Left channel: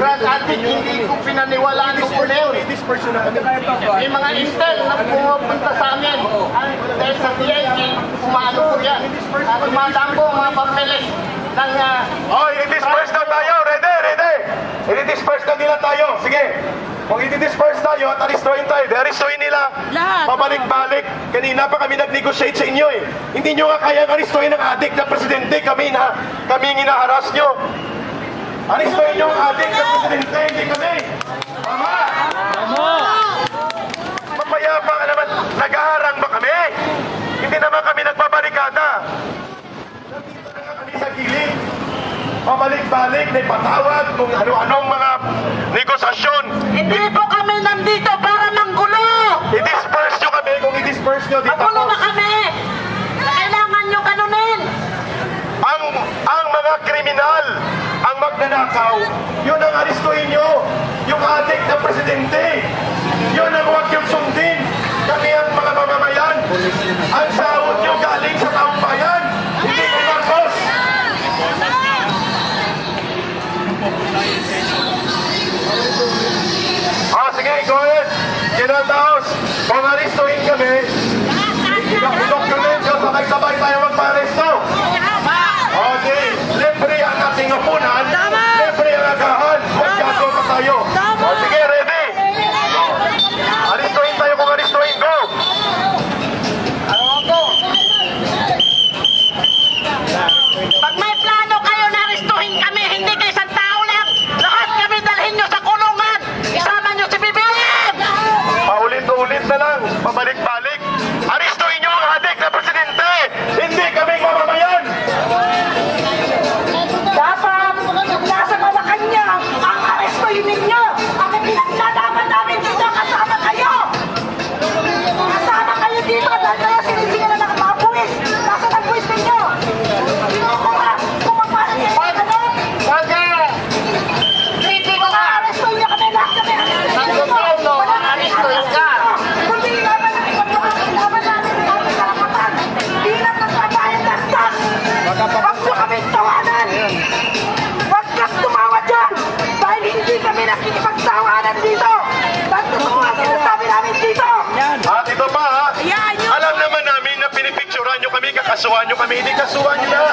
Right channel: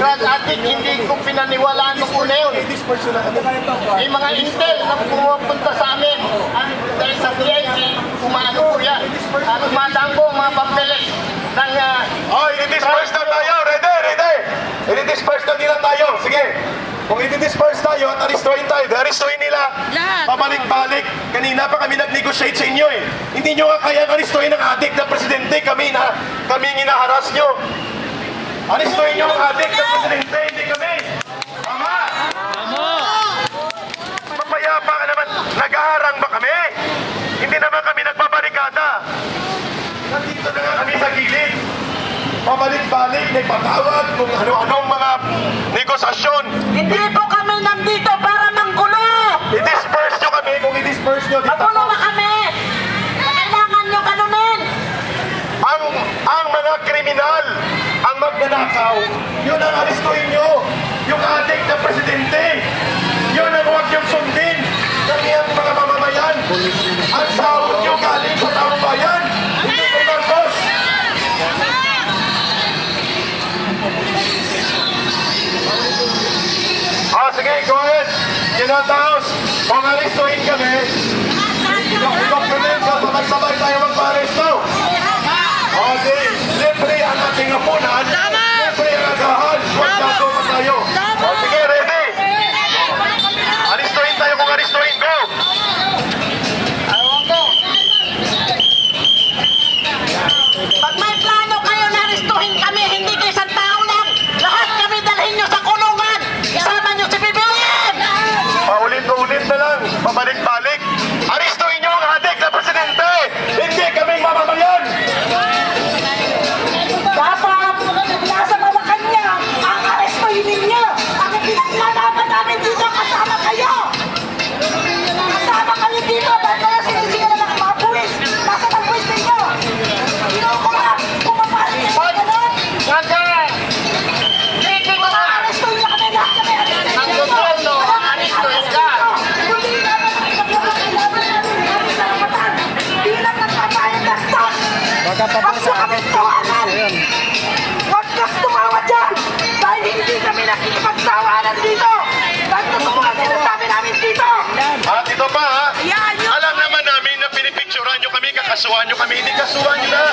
crack addict, hindi ko pinaniwalaan ko na yun. May mga intel na pumupunta sa amin. Dahil sa DIG, kumano ko yan. Kumandang ko mga papeles. Oh, i-disperse na tayo. Ready. I-disperse na nila tayo. Sige. Kung i-disperse tayo at aristuhin tayo, aristuhin nila. Pabalik-balik. Kanina pa kami nag-negotiate sa inyo eh. Hindi nyo nga kaya aristuhin ng adik na presidente. Kami hinaharas nyo. Aristuhin nyo ang adik na presidente, hindi kami. Tama? Mapayapa ka naman. Nag-aharang ba kami? Hindi naman kami nagpabarikada. Nandito na nga kami sa gilid. Pabalik-balik, may patawad kung ano-anong mga negosasyon. Hindi po kami nandito para manggulo. I-disperse nyo kami. Kung i-disperse nyo, di magulo na kami. Kailangan nyo kanunin. Ang mga kriminal, ang magnanakaw, yun ang aristuhin nyo. Yung adik na presidente, yun ang huwag yung sundin. Kami ang mga mamamayan. Ang sahod nyo galing sa taong bayan. Hindi ko Marcos. Sige, go ahead. Kinataos, kung aristuhin kami, i-document ka, sabay-sabay tayo magpa-aristo. Okay, libre ang ating apunan, libre ang agahan, magkago pa tayo. Sige, ready? Aristuhin tayo kung aristuhin, go! Pag may plano kayo na aristuhin kami, hindi kayo isang tao lang. Lahat kami dalhin nyo sa kulungan. Isama nyo si BBM! Paulit-ulit na lang, pabalik-balik. Aristuhin nyo ang adik na presidente! Hindi kaming mamamayan! Dapat, nasa Malacanang, ang arestuhin ninyo. Ang pinaglalaban namin dito, kasama kayo. Kasama kayo dito dahil kayo sinisingalan ng mga buwis. Nasaan ang buwis ninyo? Kinukuha, pumapalit yung mga ganon. Hindi ko nga arestuhin nyo kami, lahat kami arestuhin nyo. Wala kami arestuhin. Kundi ilaban namin ang aming karapatan. Bilang nagkakayan ng tax. Huwag nyo kami tawanan. Huwag kang tumawa dyan. Dahil hindi kami nakikipagtawanan dito. Huwag totoo ang sinasabi namin dito. At ito pa ha, alam naman namin na pinipicturan nyo kami, kakasuhan nyo kami, hindi kasuhan nyo na.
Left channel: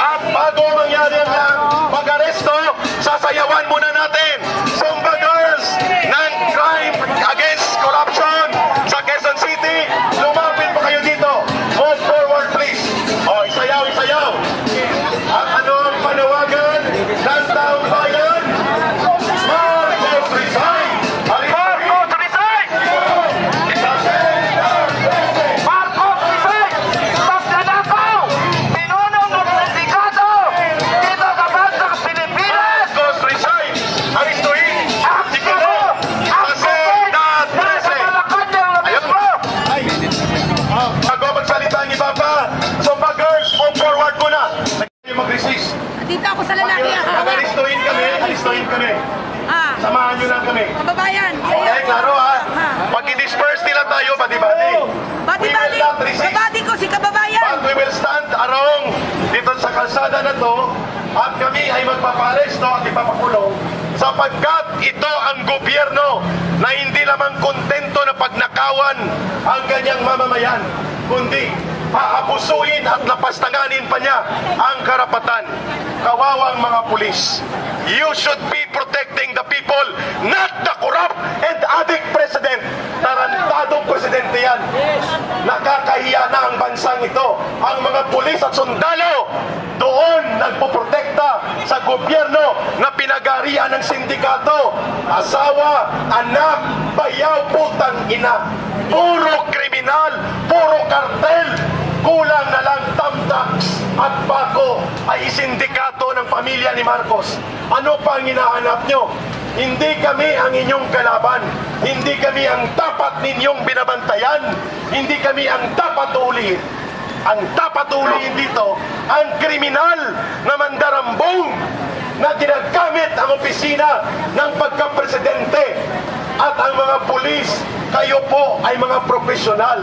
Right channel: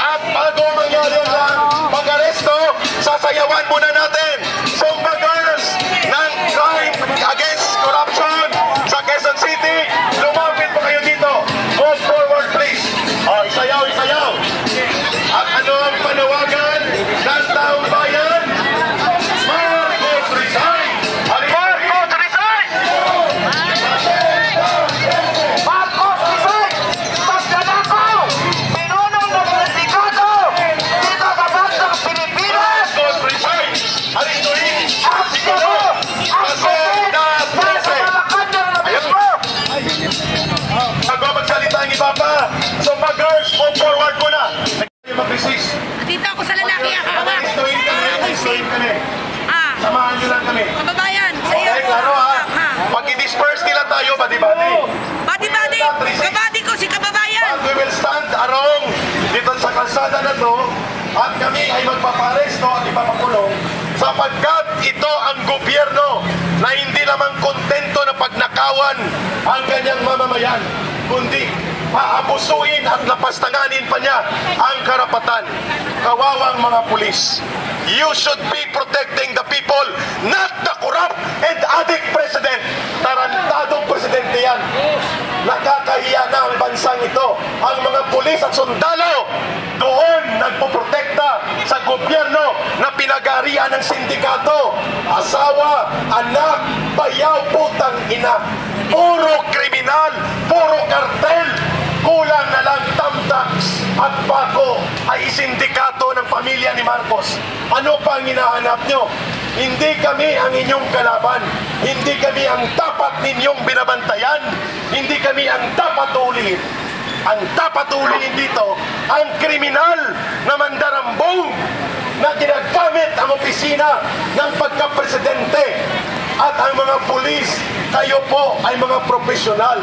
At bago mangyari ang pag-aresto, sasayawan muna natin Zumba Girls ng Crime Against Corruption sa Quezon City. Lumapit pa kayo dito. Move forward please. Isayaw. At ano ang panawagan ng taong bayan? Marcos resign! Marcos resign! Marcos resign! Magnanakaw! Pinunong ng sindikato dito sa bansang Pilipinas! Marcos resign! Aristuhin! Ayun mo! Bago magsalita ang iba pa, Zumba Girls, move forward ko na! Mag-resist. Dito ako sa lalaki. Aristuhin kami. Samahan nyo lang kami. Kababayan. Okay, klaro ha. Pag i-disperse nila tayo, badi-badi. Kabadi ko si kababayan. But we will stand around dito sa kalsada na to at kami ay magpaparesto at ipapakulong sapagkat ito ang gobyerno na hindi lamang kontento na pagnakawan ang kanyang mamamayan, kundi paabusuin at lapastanganin pa niya ang karapatan. Kawawang mga pulis. You should be protecting the people, not the corrupt and addict president. Tarantadong presidente yan. Nakakahiya na ang bansang ito. Ang mga pulis at sundalo doon nagpoprotekta sa gobyerno na pinag-arian ng sindikato. Asawa, anak, bayaw, putang ina. Puro kriminal, puro kartel. Kulang na lang tamtax at bako ay sindikato ng pamilya ni Marcos. Ano pa ang hinahanap nyo? Hindi kami ang inyong kalaban. Hindi kami ang dapat ninyong binabantayan. Hindi kami ang dapat ulihin. Ang dapat ulihin dito, ang kriminal na mandarambong na ginagamit ang opisina ng pagka-presidente. At ang mga pulis, kayo po ay mga profesional.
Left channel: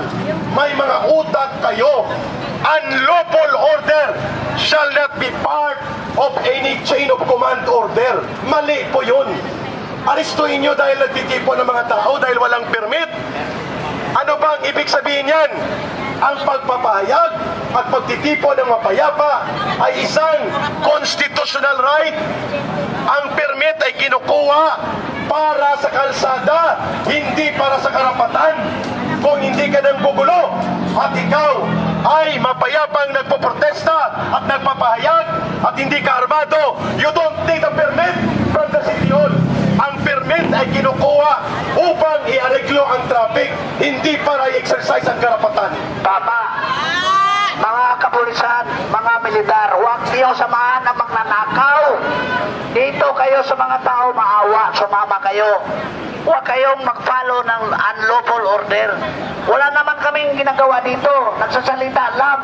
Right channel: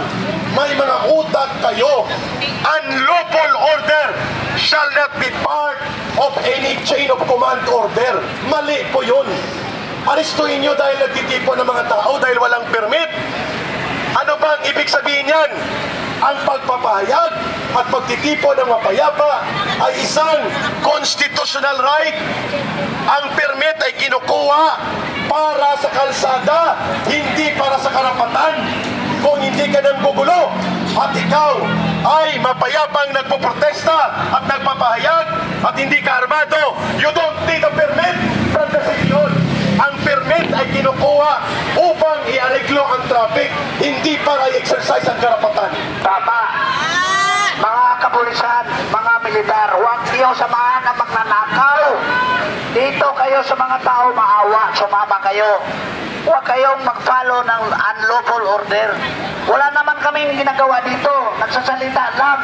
May mga utak kayo. Unlawful order shall not be part of any chain of command order. Mali po yun. Arestuhin nyo dahil nagtitipon ng mga tao dahil walang permit. Ano bang ibig sabihin yan? Ang pagpapahayag at pagtitipon ng mapayapa ay isang constitutional right. Ang permit ay kinukuha para sa kalsada, hindi para sa karapatan. Kung hindi ka nang gugulo at ikaw ay mapayapang nagpoprotesta at nagpapahayag at hindi ka armado, you don't need a permit from the city hall. Ang permit ay kinukuha upang i-areglo ang traffic, hindi para i-exercise ang karapatan. Tama. Mga kapulisan, mga militar, huwag niyo samahan ng magnanakaw. Dito kayo sa mga tao maawa, sumama kayo. Huwag kayong mag-follow ng unlawful order. Wala naman kaming ginagawa dito. Nagsasalita lang.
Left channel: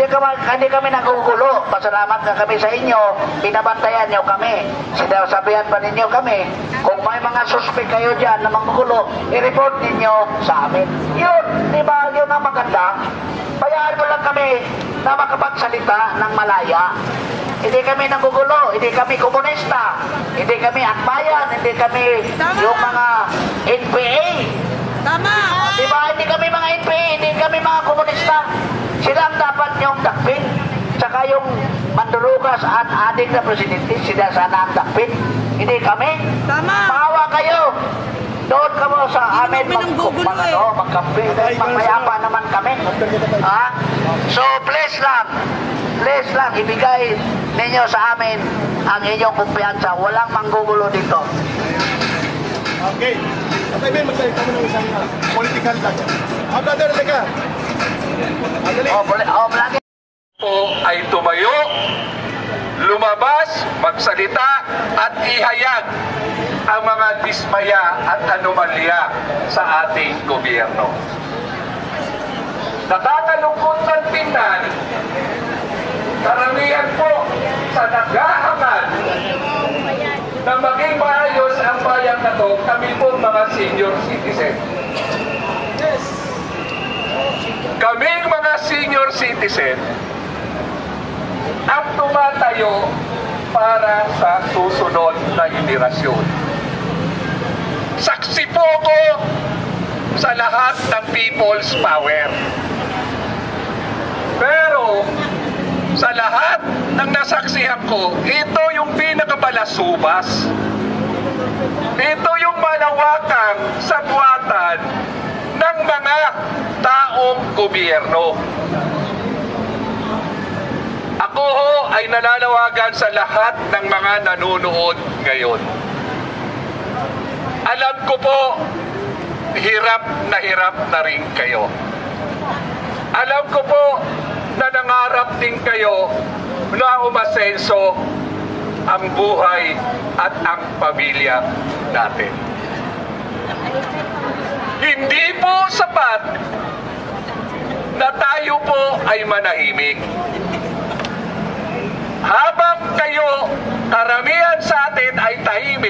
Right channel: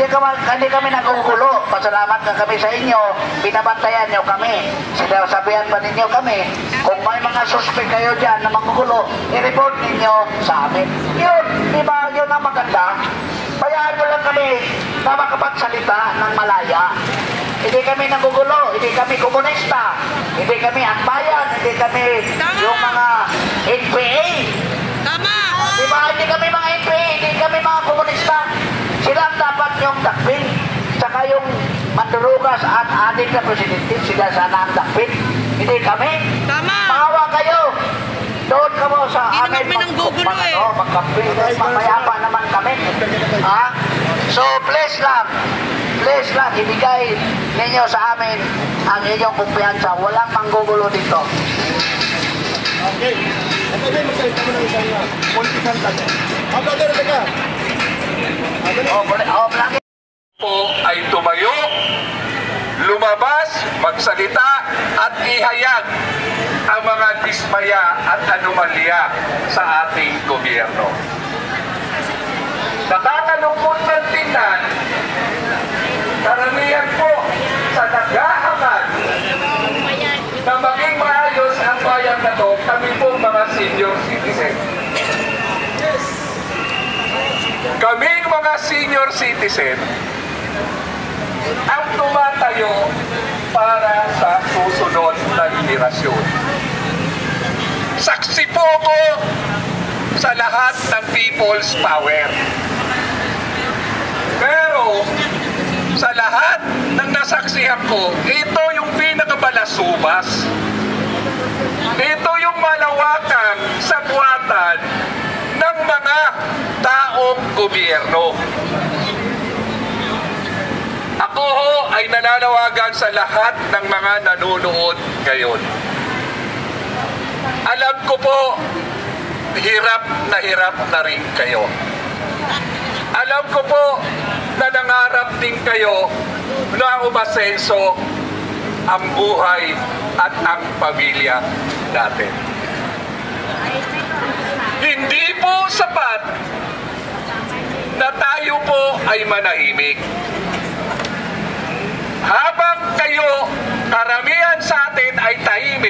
Hindi kami nagugulo. Pasalamat na kami sa inyo. Binabantayan nyo kami. Sinasabihan pa ninyo kami. Kung may mga suspect kayo dyan na magugulo, i-report ninyo sa amin. Yun, di ba? Yun ang maganda. Bayaan mo lang kami na makapagsalita ng malaya. Hindi kami nagugulo, hindi kami komunista, hindi kami akbayan, hindi kami yung mga NPA. Tama! Diba, hindi kami mga NPA, hindi kami mga komunista. Sila ang dapat yung dakpin. Saka yung mandurugas at adik na presidente, sila sana ang dakpin. Hindi kami. Tama! Maawa kayo. Doon ka mo sa amin magkampi. Magmayapa naman kami. Ha? So, please lang, ibigay ninyo sa amin ang inyong kumpiyansa. Walang manggugulo dito. Okay. At ay magsalita mo ng isang political lang. Brother, teka. Lagi. Po ay tumayo, lumabas, magsalita at ihayag ang mga dismaya at anomalya sa ating gobyerno. Nakakalungkot ng tingnan, karamihan po sa naghahangad na maging maayos ang bayan na to, kami po mga senior citizen. Kaming mga senior citizen ang tumatayo para sa susunod na henerasyon. Saksi po ko sa lahat ng people's power. Pero sa lahat ng nasaksihan ko, ito yung pinakabalasubas. Ito yung malawakang sabuatan ng mga taong gobyerno. Ako ho ay nananawagan sa lahat ng mga nanonood ngayon. Alam ko po, hirap na rin kayo. Alam ko po na nangarap din kayo na umasenso ang buhay at ang pamilya natin. Hindi po sapat na tayo po ay manahimik. Habang kayo, karamihan sa atin ay tahimik,